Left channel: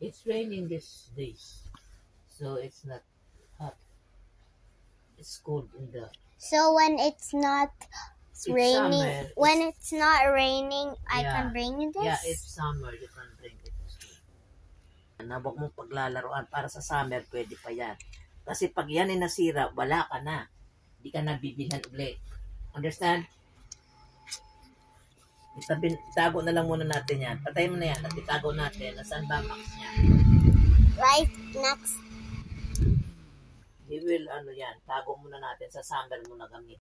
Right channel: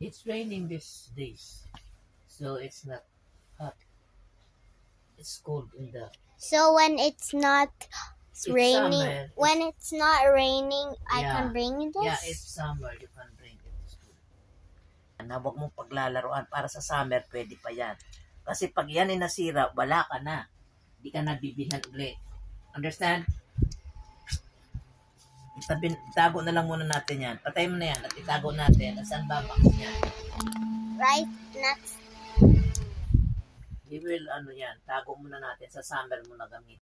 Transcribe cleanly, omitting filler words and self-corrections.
It's raining these days, so it's not hot. It's cold in the. So when it's not raining, summer, when it's not raining, I can bring this? Yeah, it's summer, you can bring it. Huwag mong paglalaroan para sa summer, pwede pa yan. Kasi pag yan ay nasira, wala ka na. Hindi ka na bibilhan ulit. Understand? Itago na lang muna natin yan. Patay mo na yan at itago natin. Nasaan ba box niya? Right next. We will, tago muna natin sa summer mo na gamit.